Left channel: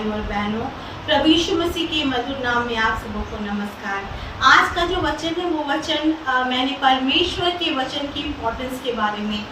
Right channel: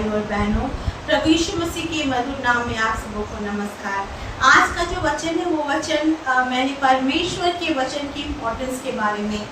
भाई और बहनों, प्रभु यीशु मसीह के मधुर नाम में आप सबों को नमस्कार। आज का जो वचन है वो वचन मैंने परमेश्वर के वचन की इम्पोर्टेंस के बारे में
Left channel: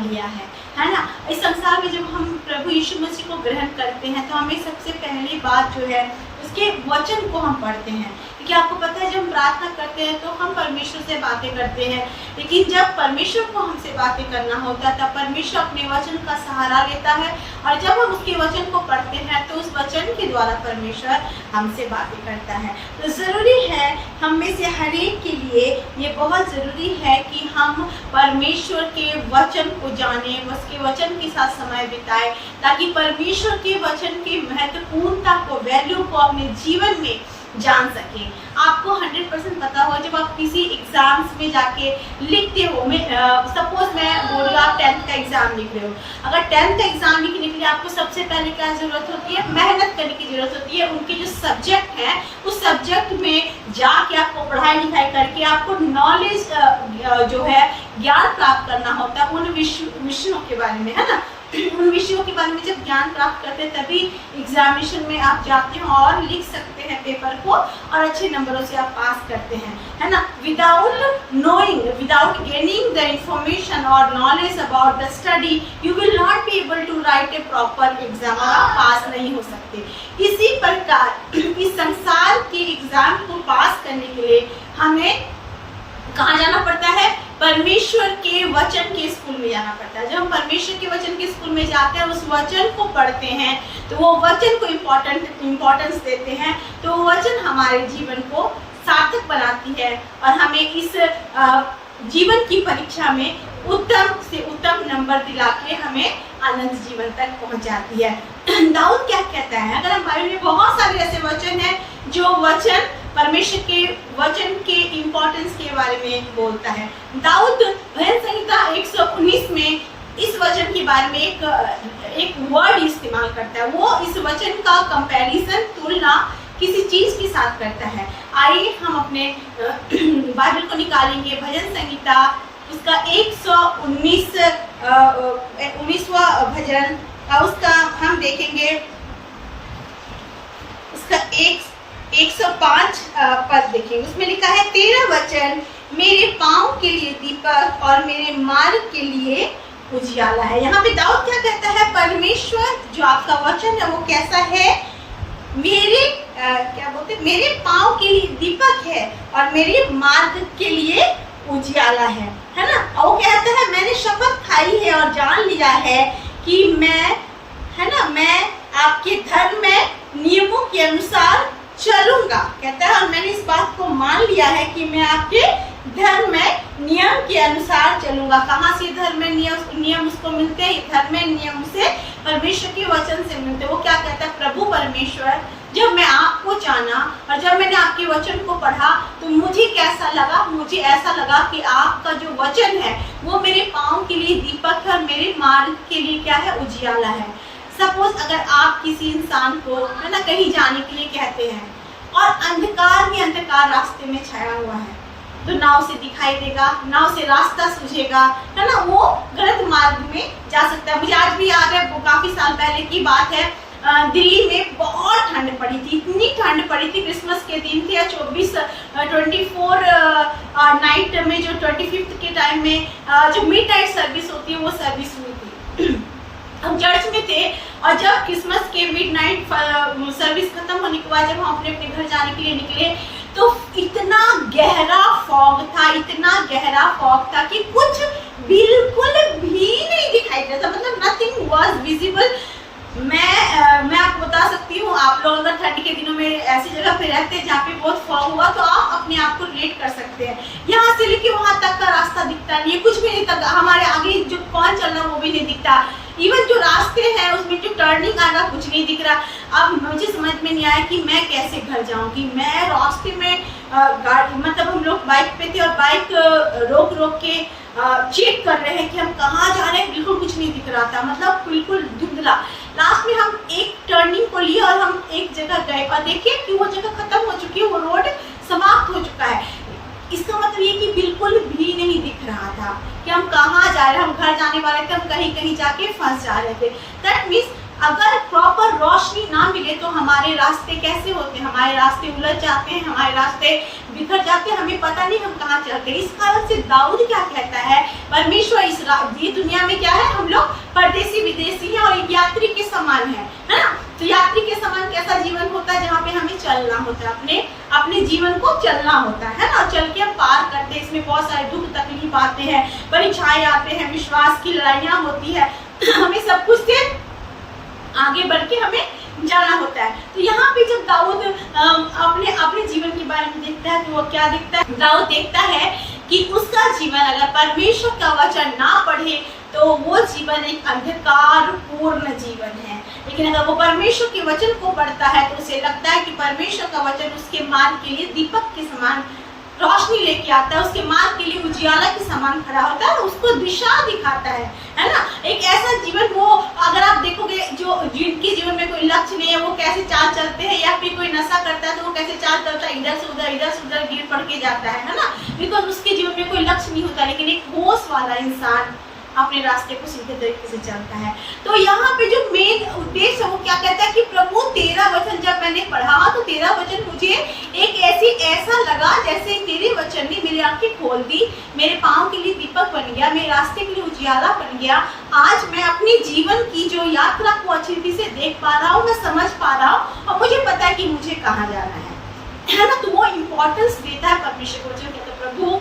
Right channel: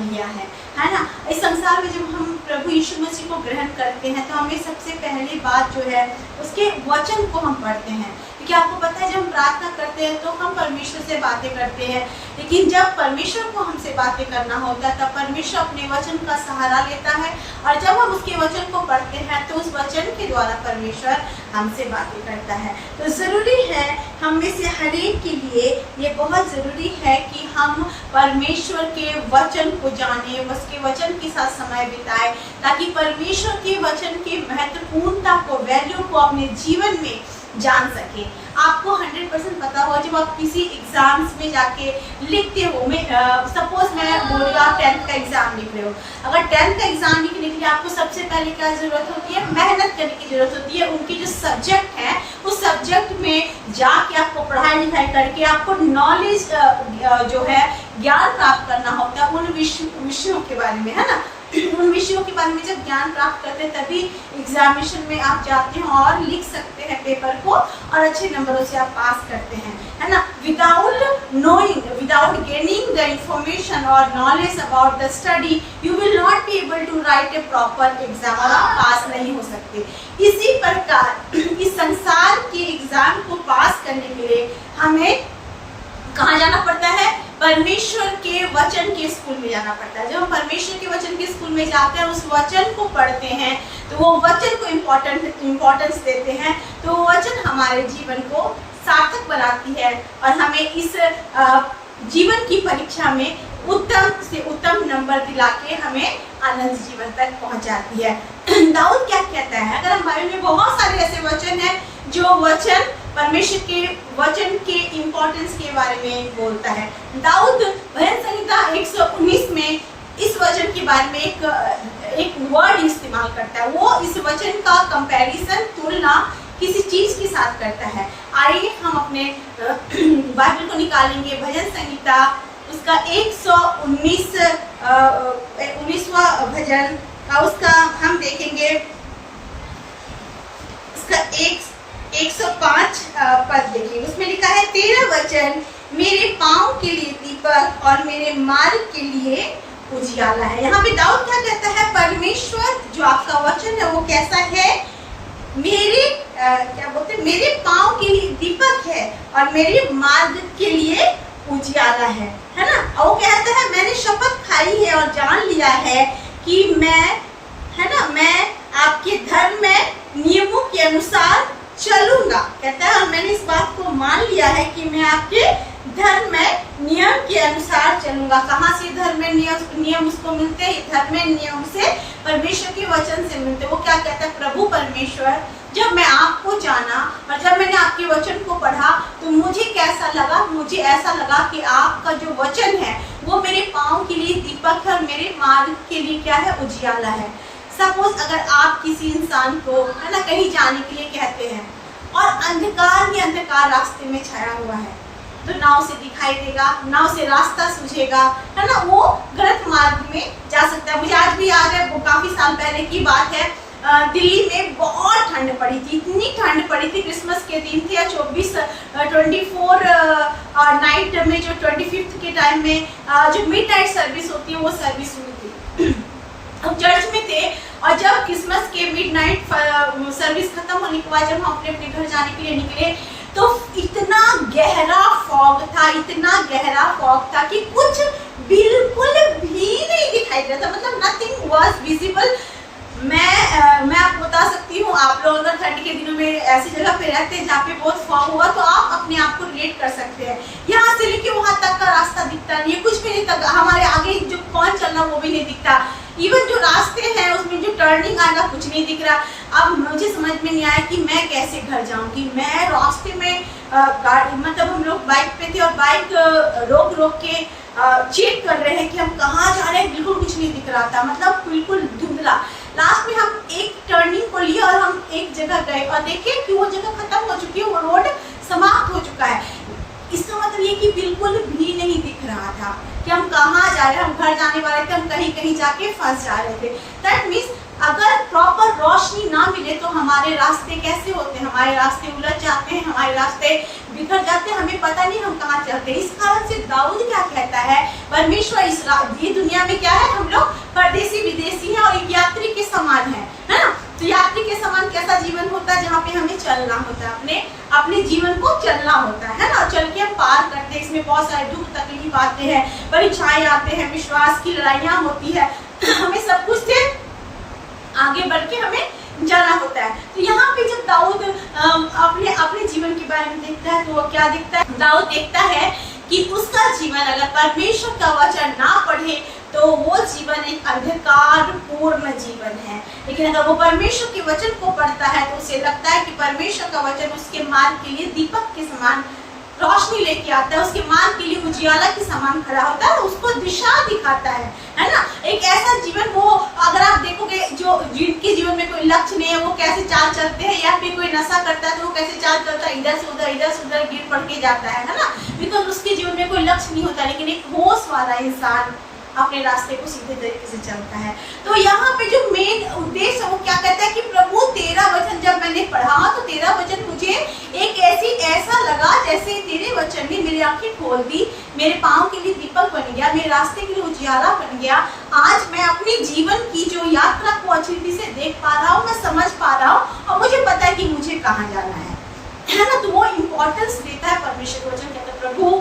लिया है ना। इस संसार में जब हम प्रभु यीशु मसीह को ग्रहण करते हैं तो हमें सबसे पहली बात जो है उसके वचन को हम पढ़ते हैं, क्योंकि आपको पता है जब हम प्रार्थना करते हैं तो हम परमेश्वर से बातें करते हैं, लेकिन जब परमेश्वर को हमसे बातें करना होता है तब परमेश्वर अपने वचन का सहारा लेता है, और जब हम उसके वचन को पढ़ते हैं तो उस वचन के द्वारा परमेश्वर हमसे बातें करता है। तो ज़रूरी है हम में से हर एक के लिए ये बहुत ज़रूरी है कि हम परमेश्वर के वचन को जाने, उसके वचन के साथ समय बिताएं, ताकि परमेश्वर के वचन की महत्वपूर्णता को, वैल्यू को अपने जीवन में जान सके। आपको 100% पता हो जब आप किसी एग्जाम्स में जाके लिखते हो, सपोज मैं बोल रही हूँ आप 10th का एग्जाम लिख रहे हो, अगर 10th का एग्जाम लिखने के लिए आपको सबसे पहले क्या ज़रूरत होती है? मेहनत करने की ज़रूरत होती है। उनके जो सब्जेक्ट है उस सब्जेक्ट में जाके आपको पढ़ाई लिखाई करके आपको नॉलेज जो है ज्ञान प्राप्त करना होता है उन विषयों के बारे में, है ना। उन विषयों के बारे में जब ज्ञान प्राप्त करते हैं तभी एग्जामिनेशन में आप जाते हो और लिख सकते हैं पेपर को, और अच्छे नंबरों से आप पास करते हैं, है ना। Without knowing, without gaining the information और knowledge about the study, you will not be able to write a proper exam, और आप पास नहीं हो सकते। इसी प्रकार इस संसार के एग्जाम को पास करने के लिए हमें कहाँ जाना पड़ता है? परमेश्वर के वचन के स्कूल में जाना पड़ता है। जब हम परमेश्वर के वचन के स्कूल में जाते हैं, उस वचन को पढ़ते हैं, तो वो वचन को इम्पोर्टेंस देते हैं, तो वो वचन हमारे जीवन को सार्थक बनाती है और हमें इस जीवन की परीक्षा में उत्तम से उत्तम नंबर दिला के हमें आनंद जीवन तक पहुंचाती है। दाऊद क्या कहता है? अगर हम बाइबल में बहुत सारे ऐसे वचन हैं जो वचन परमेश्वर के वचन के इम्पोर्टेंस के बारे में बोलता है। दाऊद भजन संहिता 119 में इस वचन के बारे में एक वर्ड इस्तेमाल करता है। वो इस वचन का कंपैरिजन, तुलना किसी चीज के साथ करता है। आइए हम अपने बाइबल को निकालेंगे, भजन संहिता उसका 119वां भजन, उसका हम देखेंगे उसका 105 पद देखेंगे। उसमें लिखा है, तेरा वचन मेरे पांव के लिए दीपक और मेरे मार्ग के लिए उजियाला है। यहाँ पे दाऊद क्या कहता है? परमेश्वर जो आपका वचन है वो कैसा है? मेरे मेरे पांव के लिए दीपक है और मेरे मार्ग के लिए उजियाला है ना। और वो कहता है, मैंने शपथ खाई है और जान लिया है कि मैं आपके धर्म में नियमों के अनुसार चलूंगा। कहता है, और मैंने इस बात को मान लिया है कि मैं आपके धर्म में नियम के अनुसार चलूंगा। कहाँ से धर्म में नियम उसको मिलते हैं? धर्म में नियम से परमेश्वर के वचन से मिलते हैं। वो क्या कहता है? प्रभु परमेश्वर, जब मैं आपको जाना और जब मैंने आपके वचन को पढ़ा तो मुझे कैसा लगा? मुझे ऐसा लगा कि आपका जो वचन है वो मेरे पाँव के लिए दीपक है और मेरे मार्ग के लिए क्या है? उजियाला है। सपोज अगर आप किसी इंसान को, है ना, कहीं जाने के लिए कहते हैं और अंधकार ही अंधकार रास्ते में छाया हुआ है, तो नाव से दिखाई देगा, नाव से रास्ता सूझेगा, है ना, वो गलत मार्ग में जा सकता है। मुझे आज भी याद है, वो काफी साल पहले की बात है, दिल्ली में बहुत ठंड पड़ी थी, इतनी ठंड पड़ी थी, क्रिसमस के दिन थे, 24 नाइट में, जो 25 के टाइम में जो मिडनाइट सर्विस होती है वो सर्विस हुई थी। हम चर्च में थे और जब क्रिसमस के मिडनाइट सर्विस खत्म होने के बाद जब हम अपने अपने घर जाने के लिए निकले तो इतना गहरा फॉग था कि कुछ बिल्कुल भी नहीं दिखाई दे रहा था, मतलब नथिंग वाज विजिबल। मैं आपको बता सकती हूँ, आप लोग अगर ठंड के दिनों में ऐसी जगह पे रहते हैं जहाँ पे बहुत फॉग हुआ तो आप अपने आप को रिलेट कर सकते हैं। यहाँ से लेके वहां तक का रास्ता दिखता नहीं है, कुछ भी नहीं तक, हमारे आगे जो कौन चल रहा वो भी नहीं दिखता, इवन जो रास्ते हैं उसमें जो टर्निंग आएगा कुछ नहीं दिख रहा। अब मुझे समझ में नहीं आया कि मैं कैसे घर जाऊंगी। मैं रास्ते में गाड़ी, मतलब हम लोग बाइक पे थे और बाइक रोक रोक के चेक कर रहे हैं कि हम कहाँ जा रहे हैं, बिल्कुल कुछ नहीं दिख रहा था, मतलब बिल्कुल धुंधला। लास्ट में हम एक टर्निंग को लिया और हम एक जगह गए और देखिए कि वो जगह खत्म हो चुकी है, वो रोड समाप्त हो चुका है। इसका मतलब ये कि बिल्कुल भी नहीं दिख रहा था कि हम कहाँ जा रहे हैं, हम घर जाने वाले थे, हम कहीं कहीं जाके फंस जा रहे थे। दैट मीन्स अगर प्रॉपर रोशनी ना मिले तो हमारे रास्ते कैसे होते हैं, हमारे रास्ते उलझ जाते हैं, हमारे रास्ते बिखर जाते हैं, हमें पता नहीं हम कहाँ चलते हैं। इस कारण से दाऊद क्या कहता है, परमेश्वर ये दुनिया में क्या है, हम लोग परदेसी विदेशी हैं और एक यात्री के समान है ना। तो यात्री के समान कैसा जीवन होता है, जहाँ पे हमें चलना होता है, अपने जीवन को चलना होता है ना, चल के हम पार करते हैं। इसमें बहुत सारे दुख तकलीफ आते हैं, परीक्षाएं आते हैं, विश्वास की लड़ाइयाँ होती है, हमें सब कुछ से आगे बढ़ के हमें जाना होता है। तो यहाँ पे जब दाऊद अपने जीवन के बारे में देखता है तो वो क्या देखता है, दाऊद देखता है कि उसका जीवन अगर परमेश्वर का वचन ना पढ़े तो वो जीवन एक अंधकार पूर्ण जीवन है। लेकिन अगर वो परमेश्वर के वचन को पढ़ता है तो उसे लगता है कि परमेश्वर का वचन उसके मार्ग के लिए दीपक के समान रोशनी लेके आता है, उसके मार्ग के लिए उजियाला के समान खड़ा होता है, उसको दिशा दिखाता है ना। एक ऐसा जीवन, वो अगर आप देखोगे जो जिनके जीवन में कोई लक्ष्य नहीं है वो कैसे चाल चलते हैं, या फिर कोई नशा करता है तो वो कैसे चाल चलता है, इधर से उधर गिर पड़ के जाता है ना, बिकॉज उसके जीवन में कोई लक्ष्य नहीं होता। लेकिन एक होश वाला इंसान अपने रास्ते को सीधे तरीके से चलता है। तो यहाँ पे जो मेन उद्देश्य है वो क्या कहता है कि प्रभु तेरा वचन जब मैंने पढ़ा तो तेरा वचन मुझे एक ऐसा लगा जैसे तेरे वचन ने मेरी आंखें खोल दी, मेरे पाँव के लिए दीपक बन गया, मेरे रास्ते के लिए उजियाला बन गया। आज मैं अपने जीवन की जो यात्रा को अच्छी रीति से देख पा रहा हूँ, मैं समझ पा रहा हूँ और मुझे पता है कि मुझे कहाँ जाना है ना। तो वो इम्पोर्टेंस देता है परमेश्वर के वचन, कहता है प्रभु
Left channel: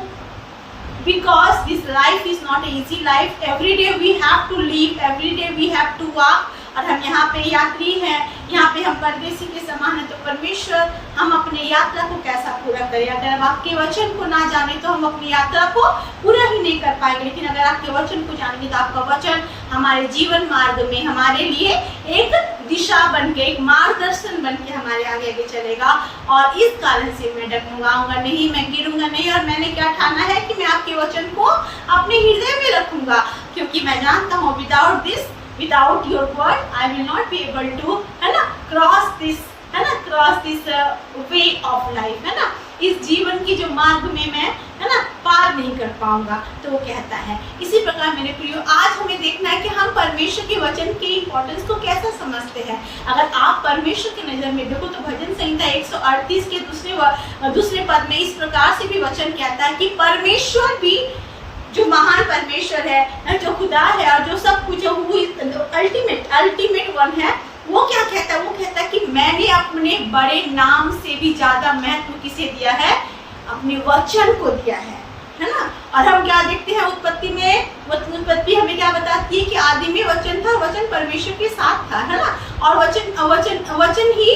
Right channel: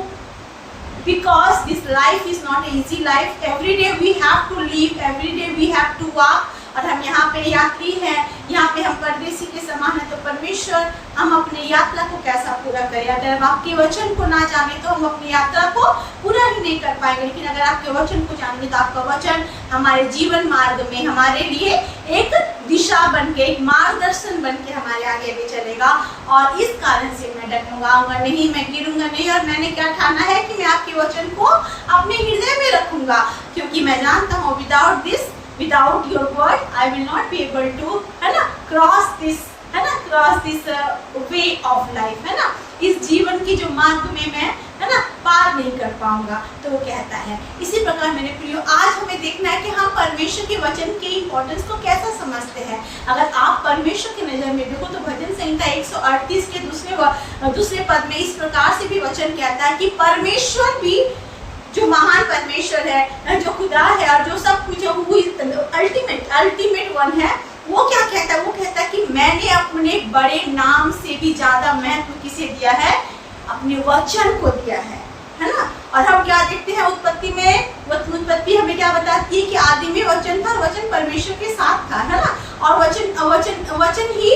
because this life is not an easy life, every day we have to live, every day we have to walk, और हम यहाँ पे यात्री हैं, यहाँ पे हम परदेसी के समान हैं। तो परमेश्वर हम अपने यात्रा को कैसा पूरा करें। अगर हम आपके वचन को ना जाने तो हम अपनी यात्रा को पूरा ही नहीं कर पाएंगे, लेकिन अगर आपके वचन को जानेंगे तो आपका वचन हमारे जीवन मार्ग में हमारे लिए एक दिशा बन के, एक मार्गदर्शन बन के हमारे आगे आगे चलेगा। और इस कारण से मैं डगमगाऊंगा नहीं, मैं गिरूंगा नहीं, और मैंने क्या ठाना है कि मैं आपके वचन को अपने हृदय में रखूंगा, क्योंकि मैं जानता हूँ without your word I will not be able to, है ना, cross this way of life, है ना, इस जीवन की जो मार्ग में मैं, है ना, पार नहीं कर पाऊंगा। तो वो कहता है। इसी प्रकार मेरे प्रियो, आज हमें देखना है कि हम परमेश्वर के वचन के इम्पोर्टेंस को कैसा समझते हैं। अगर आप परमेश्वर की नजर में देखो तो भजन संहिता 138 के दूसरे पद में इस प्रकार से भी वचन कहता है कि परमेश्वर भी, जो महान परमेश्वर है, जो खुदा है और जो सब कुछ अल्टीमेट वन है, वो क्या कहता है, वो कहता है कि मैंने अपने बड़े नाम से भी ज्यादा महत्व किसे दिया है, अपने वचन को दिया है ना। और हम क्या देखते हैं उत्पत्ति हमें क्या बताती है कि आदि में वचन था, वचन परमेश्वर के साथ था, है ना, और वचन ही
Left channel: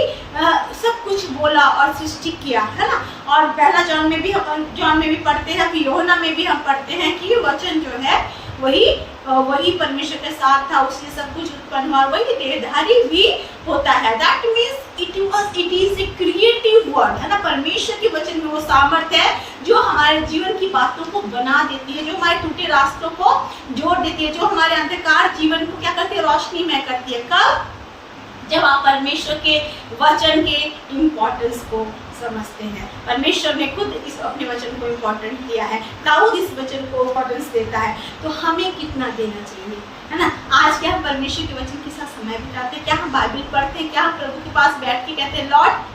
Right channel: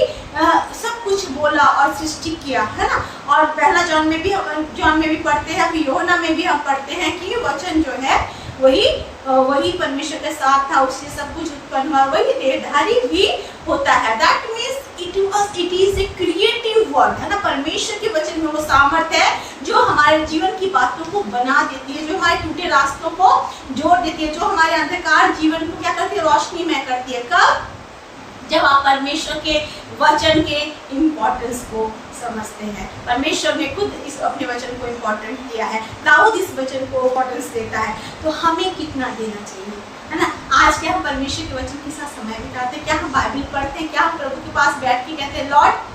सब कुछ बोला और सृष्टि किया, है ना। और पहला जॉन में भी पढ़ते हैं, फिर यूहन्ना में भी हम पढ़ते हैं कि वचन जो है वही परमेश्वर के साथ था, उससे सब कुछ उत्पन्न हुआ, वही देहधारी भी होता है। That means it is a creative word, है ना। परमेश्वर के वचन में वो सामर्थ्य है जो हमारे जीवन की बातों को बना देती है, जो हमारे टूटे रास्तों को जोड़ देती है, जो हमारे अंधकार जीवन को क्या करती है, रोशनीमय करती है। कब? जब आप परमेश्वर के वचन के इम्पोर्टेंस को समझते हैं। परमेश्वर ने खुद इस अपने वचन को इम्पोर्टेंट दिया है, दाऊद इस वचन को इम्पोर्टेंस देता है, तो हमें कितना देना चाहिए, है ना। आज क्या हम परमेश्वर के वचन के साथ समय बिताते हैं, क्या हम बाइबल पढ़ते हैं, क्या हम प्रभु के पास बैठ के कहते हैं लॉर्ड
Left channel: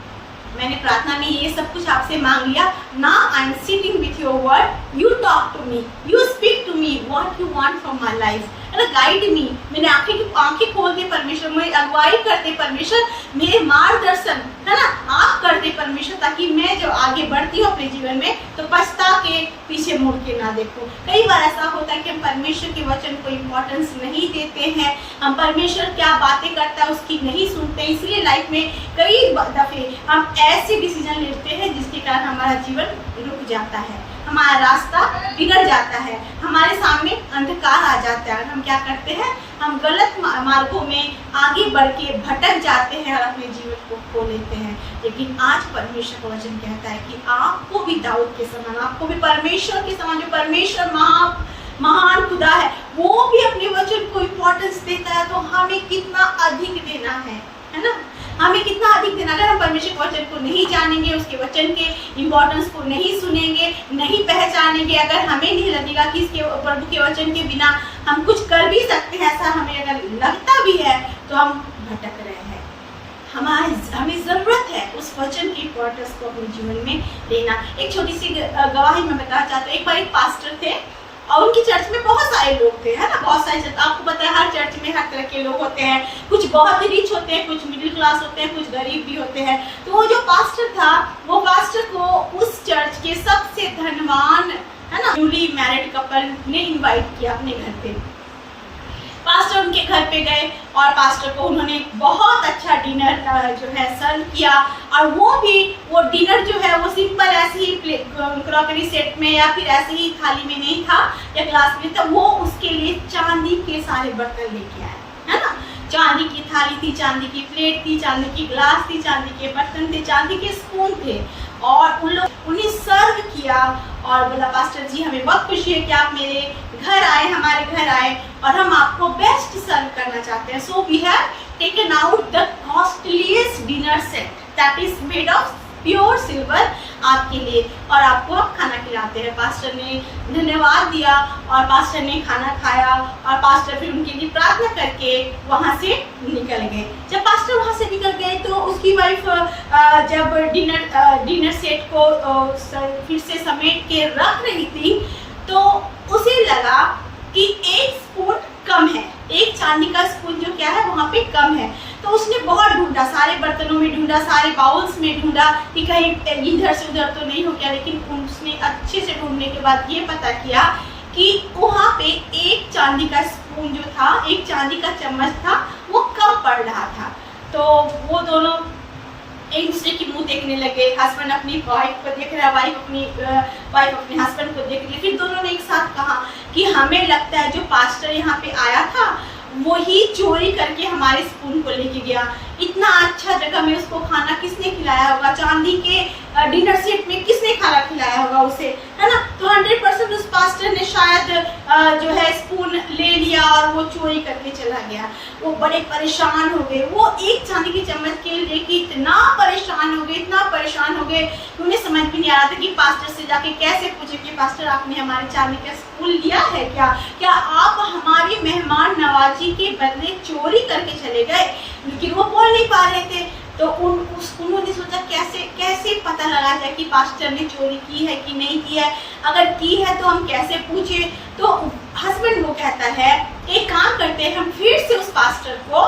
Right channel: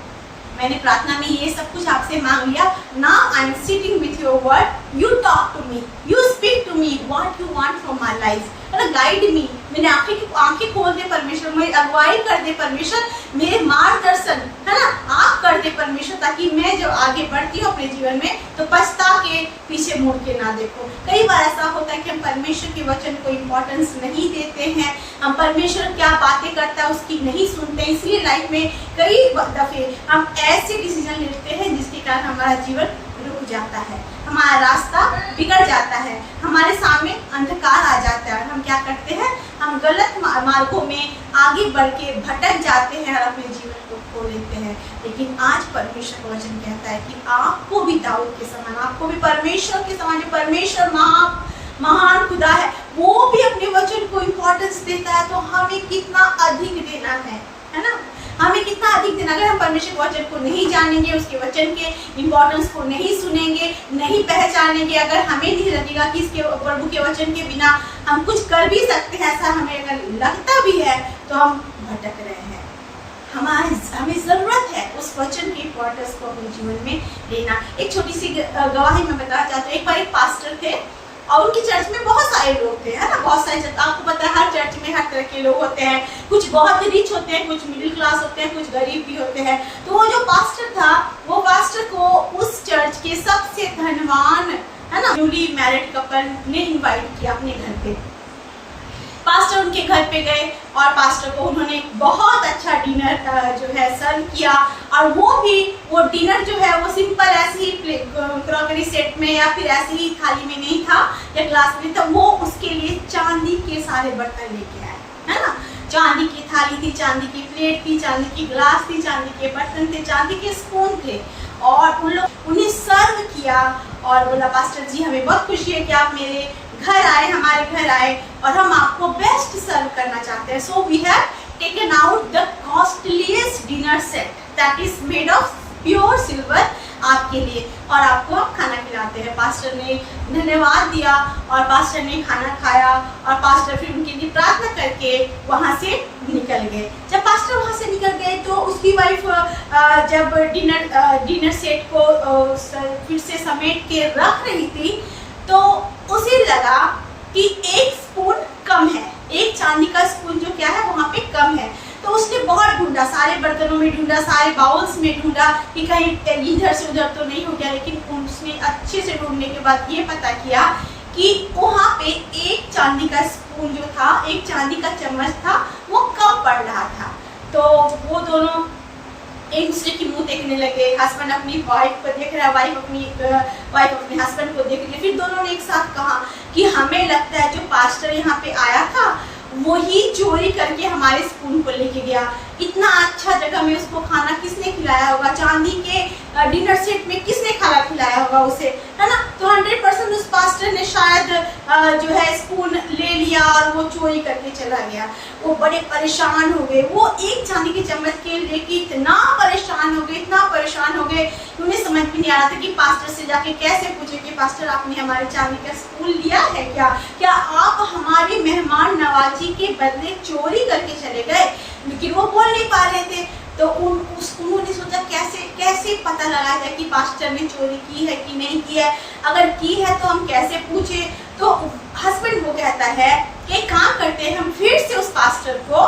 मैंने प्रार्थना में ये सब कुछ आपसे मांग लिया, now I am sitting with your word, you talk to me, you speak to me what you want from my life, है ना, गाइड मी, मैंने आंखें खोल दे परमेश्वर, मेरी अगुवाई कर दे परमेश्वर, मेरे मार्गदर्शन, है ना, आप कर दे परमेश्वर, ताकि मैं जब आगे बढ़ती हूँ अपने जीवन में तो पछता के पीछे मुड़ के ना देखूं। कई बार ऐसा होता है कि हम परमेश्वर के वचन को इम्पोर्टेंस नहीं देते हैं, हम परमेश्वर क्या बातें करता है उसकी नहीं सुनते हैं, इसलिए लाइफ में कई दफे हम ऐसे डिसीजन लेते हैं जिसके कारण हमारा जीवन रुक जाता है, हमारा रास्ता बिगड़ जाता है, हमारे सामने अंधकार आ जाता है और हम क्या करते हैं, हम गलत मार्गों में आगे बढ़ के भटक जाते हैं और अपने जीवन को खो लेते हैं। लेकिन आज परमेश्वर का वचन कहता है कि आपको भी दाऊद के समान, आपको भी परमेश्वर के समान, जो परमेश्वर महान खुदा है, वो भी अपने वचन को इम्पोर्टेंस देता है, तो हमें कितना अधिक देना है ना, हमें कितना अधिक देना। अगर हम परमेश्वर के वचन को नहीं जानेंगे, उसके वचन के इम्पोर्टेंस को नहीं सुनेंगे, नहीं पहचानेंगे, अगर हमें नहीं लगेगा कि इसके प्रभु के वचन के बिना हम कुछ कर भी सकते हैं, ऐसा हमें अगर लगता भी है तो हम भटक रहे हैं। हमें ज़रूरत है उस वचन की इम्पोर्टेंस को अपने जीवन में लेना। एक छोटी सी गवाही मैं बताना चाहती हूँ। एक बार एक पास्टर थे और उनकी चर्च में बहुत सारे लोग थे, है ना, बहुत सारे चर्च, आपको पता है हर चर्च में हर तरह के लोग होते हैं, कुछ बहुत रिच होते हैं, कुछ मिडिल क्लास होते हैं, कुछ गरीब भी होते हैं। तो वो जो पास्टर था, वो पास्टर को उस चर्च के सबसे धनवान, है ना, न्यूली मैरिड कपल ने इन्वाइट किया अपने घर पे। पास्टर उनके घर पे गए और पास्टर को उन्होंने बहुत अच्छा डिनर जो है सर्व किया। और वो डिनर जो है वो सिंपल ऐसे ही क्रॉकरी सेट में या फिर ऐसे ही थाली में नहीं था या ग्लास में था, वो उसके लिए चांदी के सारे बर्तन लेके आए, है ना। चांदी की थाली थी, चांदी की प्लेट थी, चांदी की ग्लास थी, चांदी के बर्तन थे, चांदी के स्पून थे और उन्हें सर्व किया और बोला, पास्टर जी हमें बहुत खुशी है कि आप मेरे घर आए, हमारे घर आए और हम आपको बेस्ट सर्व करना चाहते हैं। So we have taken out the costliest dinner set that is made of pure silver आपके लिए और आपको हम खाना खिलाते हैं। पास्टर ने धन्यवाद दिया और पास्टर ने खाना खाया और पास्टर फिर उनके लिए प्रार्थना करके वहाँ से निकल गए। जब पास्टर वहाँ से निकल गए तो उसकी वाइफ जब डिनर सेट को फिर से समेट के रख रही थी तो उसे लगा कि एक स्पून कम है, एक चांदी का स्पून जो क्या है वहाँ पे कम है। तो उसने बहुत ढूंढा, सारे बर्तनों में ढूंढा, सारे बाउल्स में ढूंढा कि कहीं इधर से उधर तो नहीं हो गया, लेकिन उसने अच्छे से ढूंढने के बाद ये पता किया कि वहाँ पे एक चांदी का स्पून जो था, एक चांदी का चम्मच था, वो कम पड़ रहा था। तो वो दोनों एक दूसरे की मुंह देखने लगे। हस्बैंड अपनी वाइफ को देख रहा है, वाइफ अपने हस्बैंड को देख रही है। फिर दोनों ने एक साथ कहा कि हमें लगता है जो पास्टर यहाँ पे आया था वही चोरी करके हमारे स्पून को लेके गया। इतना अच्छा जगह में उसको खाना किसने खिलाया होगा, चांदी के डिनर सेट में किसने खाना खिलाया होगा उसे, है ना। तो 100% उस पास्टर ने शायद जो है स्पून ले लिया और वो चोरी करके चला गया। वो बड़े परेशान हो गए, वो एक चांदी के चम्मच के लेके इतना परेशान हो गए कि उन्हें समझ भी नहीं आ रहा था कि पास्टर से जाके कैसे पूछे कि पास्टर आपने हमारे चांदी का स्पून लिया है क्या आप हमारे मेहमान नवाजी के बदले चोरी करके चले गए। लेकिन वो बोल नहीं पा रहे थे। तो उन्होंने सोचा कैसे पता लगाया जाए कि पास्टर ने चोरी की है कि नहीं की है, अगर की है तो हम कैसे पूछे। तो हस्बैंड वो कहता है एक काम करते हैं, हम फिर से उस पास्टर को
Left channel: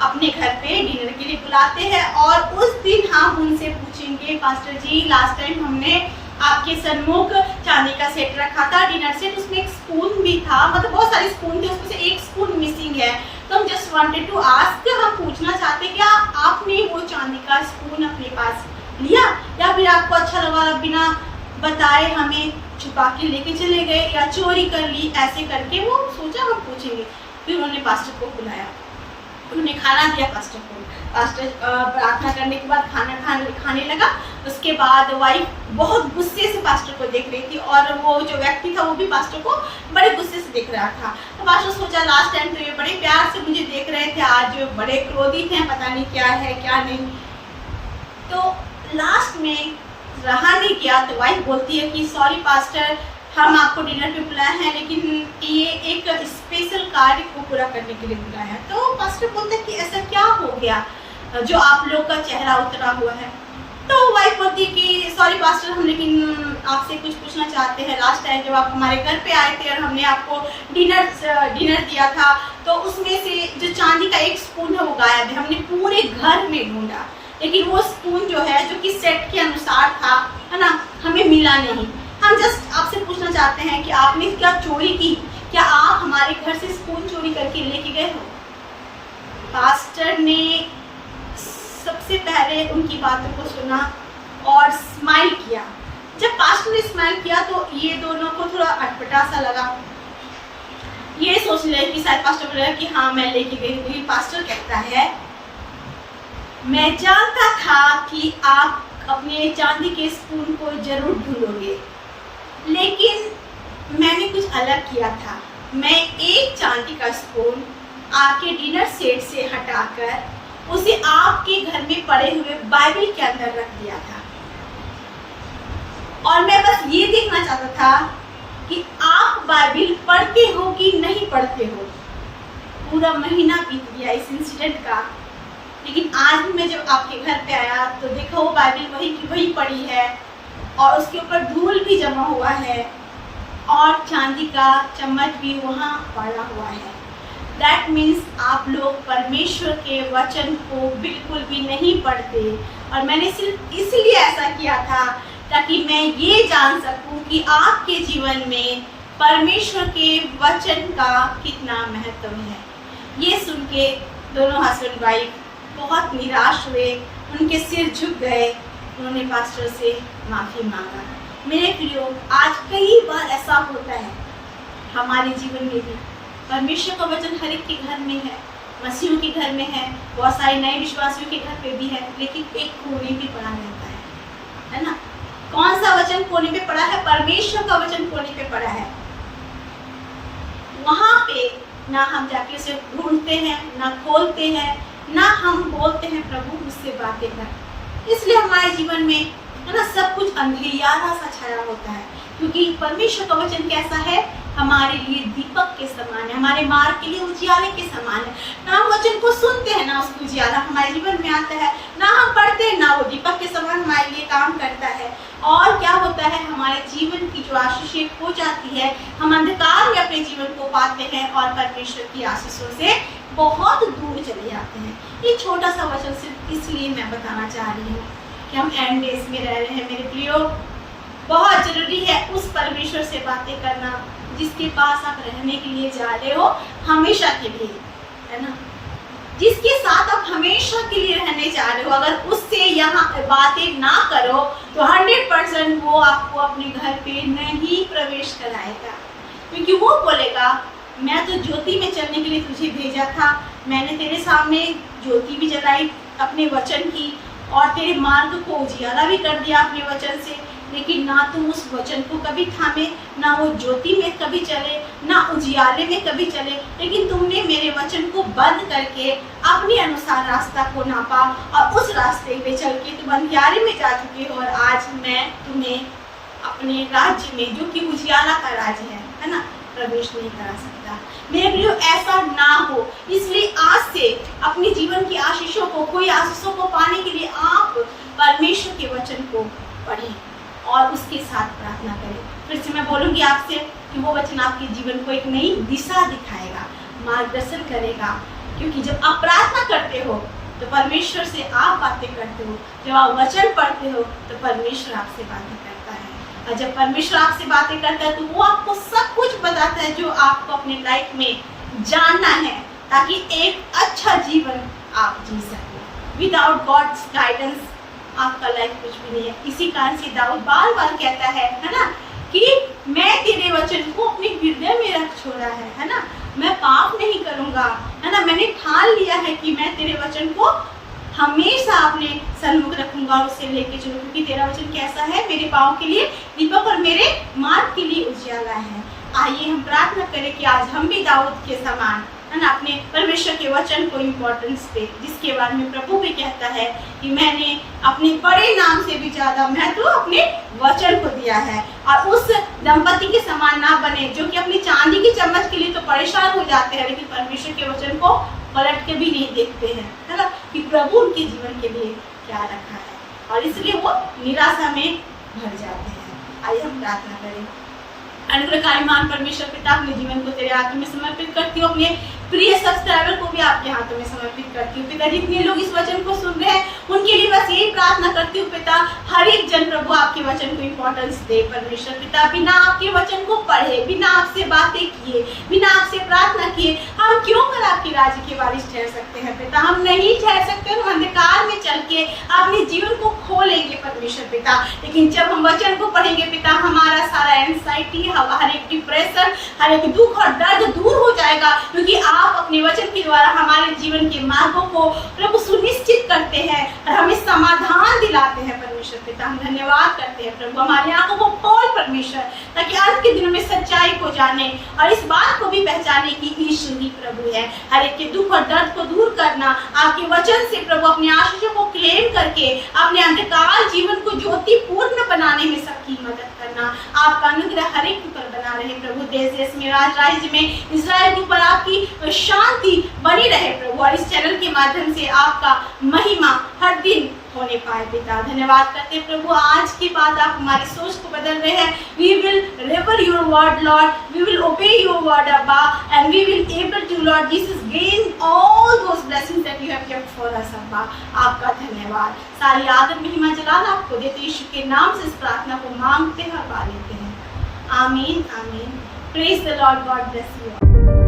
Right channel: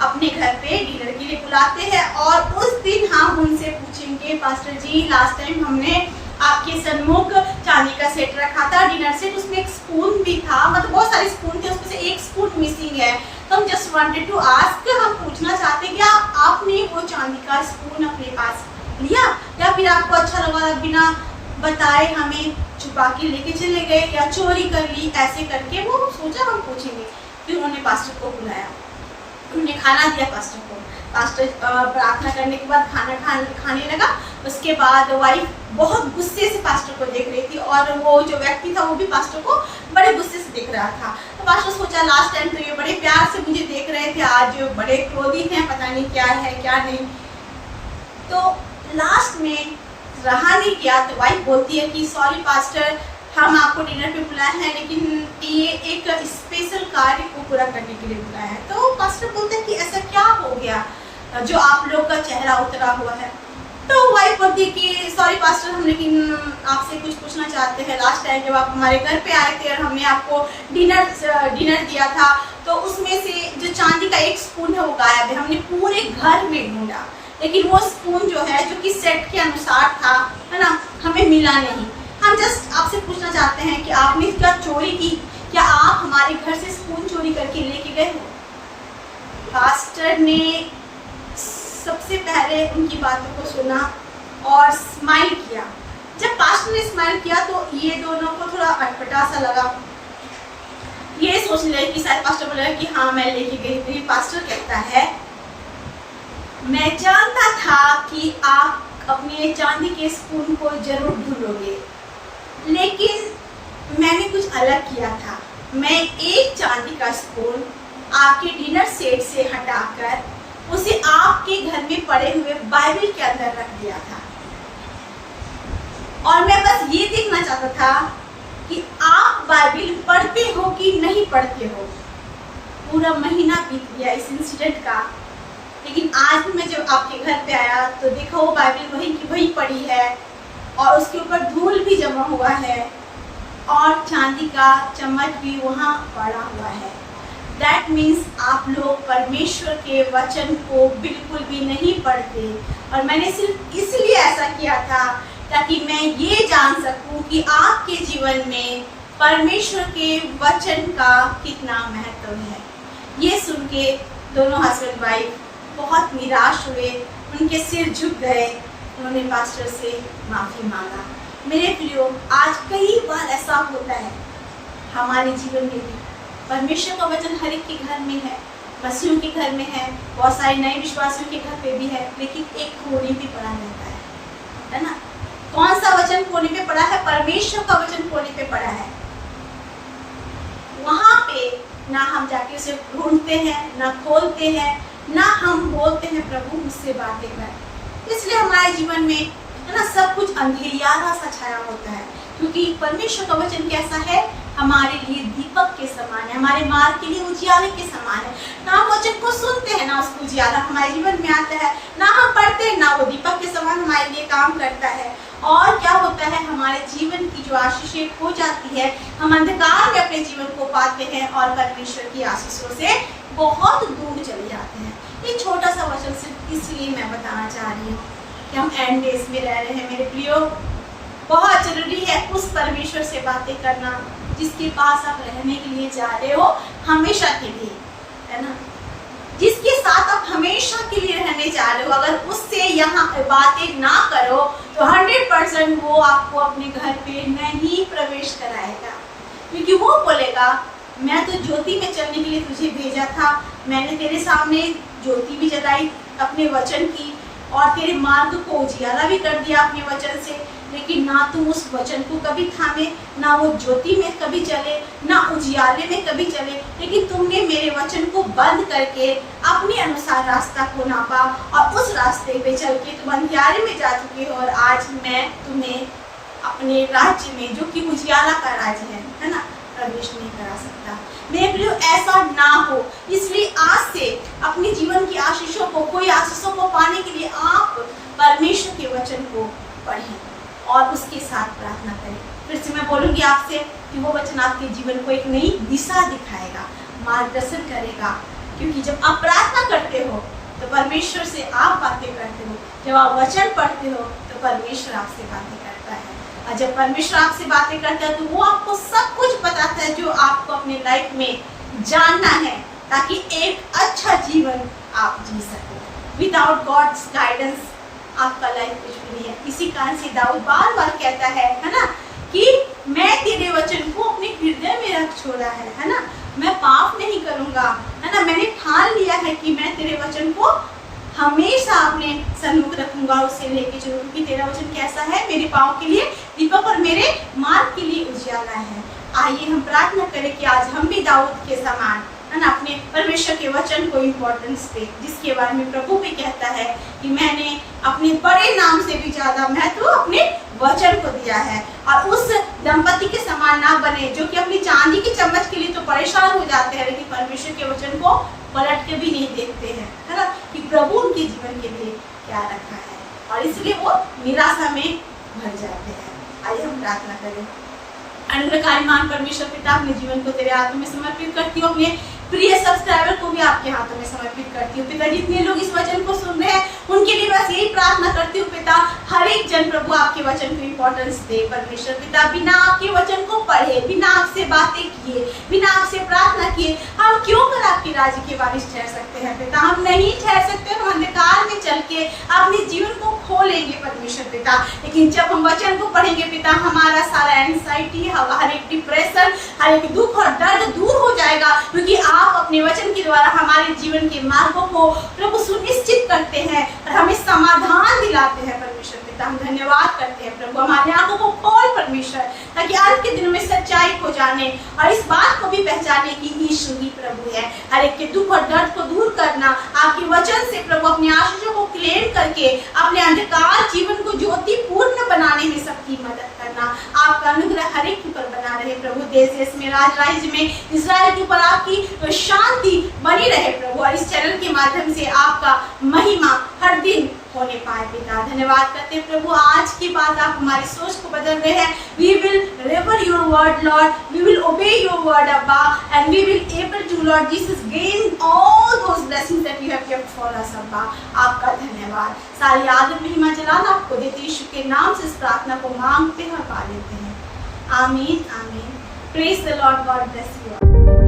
अपने घर पे डिनर के लिए बुलाते हैं और उस दिन हम उनसे पूछेंगे, पास्टर जी लास्ट टाइम हमने आपके सन्मुख चांदी का सेट रखा था, डिनर सेट, उसमें एक स्पून भी था, मतलब बहुत सारे स्पून थे, उसमें से एक स्पून मिसिंग है। तो हम जस्ट वांटेड टू आस्क, हम पूछना चाहते क्या आपने वो चांदी का स्पून अपने पास लिया या फिर आपको अच्छा लगा बिना बताए हमें छुपा के लेके चले गए या चोरी कर ली। ऐसे करके वो सोचा हम पूछेंगे। फिर उन्होंने पास्टर को बुलाया, उन्होंने खाना दिया पास्टर को। पास्टर प्रार्थना करने के बाद खाने लगा। उसके बाद वाइफ बहुत गुस्से से पास्टर को देख रही थी और वो जो व्यक्ति था वो भी पास्टर को बड़े गुस्से से देख रहा था। तो पास्टर सोचा लास्ट टाइम तो ये बड़े प्यार से मुझे देख रहे थे, आज बड़े क्रोधित हैं, पता नहीं क्या है क्या नहीं। तो लास्ट में रहा नहीं गया तो वाइफ बोलती है कि सॉरी पास्टर, हम आपको डिनर पे बुलाए हैं लेकिन ये एक स्पेशल कार्य को पूरा करने के लिए बुलाया है। तो पास्टर बोलते हैं कि ऐसा क्या हो गया जो आप लोग का चेहरा उतरा हुआ है। तो वाइफ बोलती है कि सॉरी पास्टर, हम लेकिन आपसे कुछ पूछना चाहते हैं। लास्ट टाइम जब आप हमारे घर पे आए थे और हमने आपको डिनर दिया था तो उसमें से जो चांदी का एक स्पून है वो गायब है। हमने पूरे घर में ढूंढा लेकिन वो स्पून जो है जो कि सेट के अनुसार था, है ना, हमें मिला नहीं। हम जस्ट आपसे पूछना चाहते हैं कि आपने क्या चोरी की, क्या आप हमारे घर से स्पून चोरी करके लेके गए हो। पास्टर ने सबसे पहले उनकी बातों को सुना और स्माइल किया। जब पास्टर ने स्माइल किया तो ये दोनों को थोड़ा अटपटा सा लगा। ये सोच ले कि शायद पास्टर बोलेगा कि हाँ मैं लेके गई थी। पास्टर कहता है मैं जानता था कि आप अपने चांदी के स्पून को जरूर ढूंढोगे, लेकिन मैंने कुछ अलग किया था। मैं एक चांदी का स्पून आपके डिनर सेट से हटाकर उसे आपके घर में पड़े हुए बाइबल के अंदर रख दिया था और मैं बस ये देखना चाहता था कि आप बाइबल पढ़ते हो कि नहीं पढ़ते हो। पूरा महीना बीत गया इस इंसिडेंट का, लेकिन आज भी मैं जब आपके घर पे आया तो देखा वो बाइबल वही की वही पड़ी है और उसके ऊपर धूल भी जमा हुआ है और चांदी का चम्मच भी वहाँ पड़ा हुआ है। दैट मीन्स आप लोग परमेश्वर के वचन को बिल्कुल भी नहीं पढ़ते। और मैंने सिर्फ इसलिए ऐसा किया था ताकि मैं ये जान सकूं कि आपके जीवन में परमेश्वर के वचन का कितना महत्व है। ये सुन के दोनों हस्बैंड वाइफ बहुत निराश हुए, उनके सिर झुक गए, उन्होंने पास्टर से माफ़ी मांगा। मेरे प्रियो, आज कई बार ऐसा होता है हमारे जीवन में भी। परमेश्वर का वचन हर एक के घर में है, मसीहों के घर में है, बहुत सारे नए विश्वासियों के घर पे भी है, लेकिन एक कोने पे पड़ा रहता है ना। कौन सा वचन कोने पे पड़ा है? परमेश्वर का वचन कोने पे पड़ा है। वहां पे ना हम जाके उसे ढूंढते हैं, ना खोलते हैं, ना हम बोलते हैं प्रभु मुझसे बातें कर। इसलिए हमारे जीवन में है ना सब कुछ अंधेरा सा छाया होता है, क्योंकि परमेश्वर का वचन कैसा है? हमारे लिए दीपक के समान है, हमारे मार्ग के लिए उजियाले के समान है। ना हम वचन को सुनते हैं, ना उसको उजियाला हमारे जीवन में आता है, ना हम पढ़ते हैं, ना वो दीपक के समान हमारे लिए काम करता है। और क्या होता है, हमारे जीवन की जो आशीषें खो जाती है, हम अंधकार में अपने जीवन को पाते हैं और परमेश्वर की आशीषों से बहुत दूर चले जाते हैं। ये छोटा सा वचन सिर्फ इसलिए मैं बताना चाह रही हूँ कि हम एंड डेज में रह रहे हैं मेरे प्रियो। बहुत जरूरी है उस परमेश्वर से बातें करना जिसके पास आप रहने के लिए जा रहे हो हमेशा के लिए, है ना। जिसके साथ आप हमेशा के लिए रहने जा रहे हो, अगर उससे यहाँ बातें ना करो तो 100% वो आपको अपने घर पे नहीं प्रवेश कराएगा, क्योंकि वो बोलेगा मैं तो ज्योति में चलने के लिए तुझे भेजा था, मैंने तेरे सामने ज्योति भी जलाई अपने वचन की और तेरे मार्ग को उजियाला भी कर दिया अपने वचन से, लेकिन ना तुम उस वचन को कभी थामे, ना वो ज्योति में कभी चले, ना उजियाले में कभी चले, लेकिन तुमने मेरे वचन को बंद करके अपने अनुसार रास्ता को नापा और उस रास्ते पे चल के तुम अंधियारे में जा चुके हो। और आज मैं तुम्हें अपने राज्य में, जो कि उजियाला का राज्य है ना, प्रवेश नहीं करा सकता। मेरे प्रियो, ऐसा ना हो, इसलिए आज से अपने जीवन की आशीषों को, कोई आशीषों को पाने के लिए आप परमेश्वर के वचन को पढ़ें और उसके साथ प्रार्थना करें। फिर से मैं बोलूँगी आपसे कि वो वचन आपके जीवन को एक नई दिशा दिखाएगा, मार्गदर्शन करेगा, क्योंकि जब आप प्रार्थना करते हो तो परमेश्वर से आप बातें करते हो, जब आप वचन पढ़ते हो तो परमेश्वर आपसे बातें करता है, और जब परमेश्वर आपसे बातें करता है तो वो आपको सब कुछ बताता है जो आपको अपने लाइफ में जानना है, ताकि एक अच्छा जीवन आप जी सको। विदाउट गॉड्स गाइडेंस आपका लाइफ कुछ भी नहीं है। इसी कारण से दाऊद बार बार कहता है ना, कि मैं तेरे वचन को अपने हृदय में रख छोड़ा है ना, मैं पाप नहीं करूँगा, है ना। मैंने ठान लिया है कि मैं तेरे वचन को हमेशा अपने सन्मुख रखूंगा, उसे लेके चलूँ, क्योंकि तेरा वचन कैसा है? मेरे पाँव के लिए दीपक और मेरे मार्ग के लिए उजियाला है। आइए हम प्रार्थना करें कि आज हम भी दाऊद के समान, है ना, अपने परमेश्वर के वचन को इम्पोर्टेंस दे, जिसके बारे में प्रभु भी कहता है कि मैंने अपने बड़े नाम से भी ज्यादा महत्व अपने वचन को दिया है। और उस दंपति के समान ना बने जो कि अपनी चांदी की चम्मच के लिए तो परेशान हो जाते हैं, लेकिन परमेश्वर के वचन को पलट के भी नहीं देखते हैं, है ना, कि प्रभु उनके जीवन के लिए क्या रखा है, और इसलिए वो निराशा में भर जाते हैं। आइए हम प्रार्थना करें। अनुग्रहकारी महान परमेश्वर पिता, अपने जीवन को तेरे हाथों में समर्पित करती हूँ, अपने प्रिय सब्सक्राइबर को भी आपके हाथों में समर्पित करती हूँ पिता। जितने लोग इस वचन को सुन रहे हैं उनके लिए बस यही प्रार्थना करती हूँ पिता, हर एक जन प्रभु आपके वचन को इम्पोर्टेंस दे परमेश्वर पिता। बिना आपके वचन को पढ़े, बिना आपसे बातें किए, बिना आपसे प्रार्थना किए हम क्यों कर आपके राज्य के वारिस ठहर सकते हैं पिता? हम नहीं ठहर सकते। हम अंधकार में चल के अपने जीवन को खो लेंगे परमेश्वर पिता, लेकिन जब हम वचन को पढ़ेंगे पिता, हमारा सारा एंजाइटी, हर एक डिप्रेशन, हर एक दुख और दर्द दूर हो जाएगा, क्योंकि आप अपने वचन के द्वारा हमारे जीवन के मार्गों को प्रभु सुनिश्चित करते हैं और हमें समाधान दिलाते हैं परमेश्वर पिता। हम धन्यवाद करते हैं प्रभु, हमारी आंखों को खोल परमेश्वर, ताकि अंत के दिनों में सच्चाई को जाने और इस बात को भी पहचाने कि यीशु ही प्रभु है। हर एक के दुख और दर्द को दूर करना आपके वचन से प्रभु, अपने आशीषों को क्लेम करके अपने अंधकार जीवन को ज्योतिपूर्ण बनाने में सबकी मदद करना। आपका अनुग्रह हर एक के ऊपर बना रहे प्रभु। देश देश में, राज्य में, इजराइल के ऊपर आपकी शांति बनी रहे प्रभु, और इस चैनल के माध्यम से आपका महिमा हर दिन होने पाए पिता। धन्यवाद करते हैं प्रभु, आज की बात आप हमारी सोच को बदल रहे हैं। We will revere your word Lord, we will obey your word Abba, and we will able to Lord Jesus gain all those blessings that you have given for us Abba. आपका धन्यवाद, सारी आदर महिमा जलाल आपको देते, यीशु के नाम से इस प्रार्थना को मांगते हैं और पा लेते हैं। आमीन आमीन। Praise the Lord, God bless you.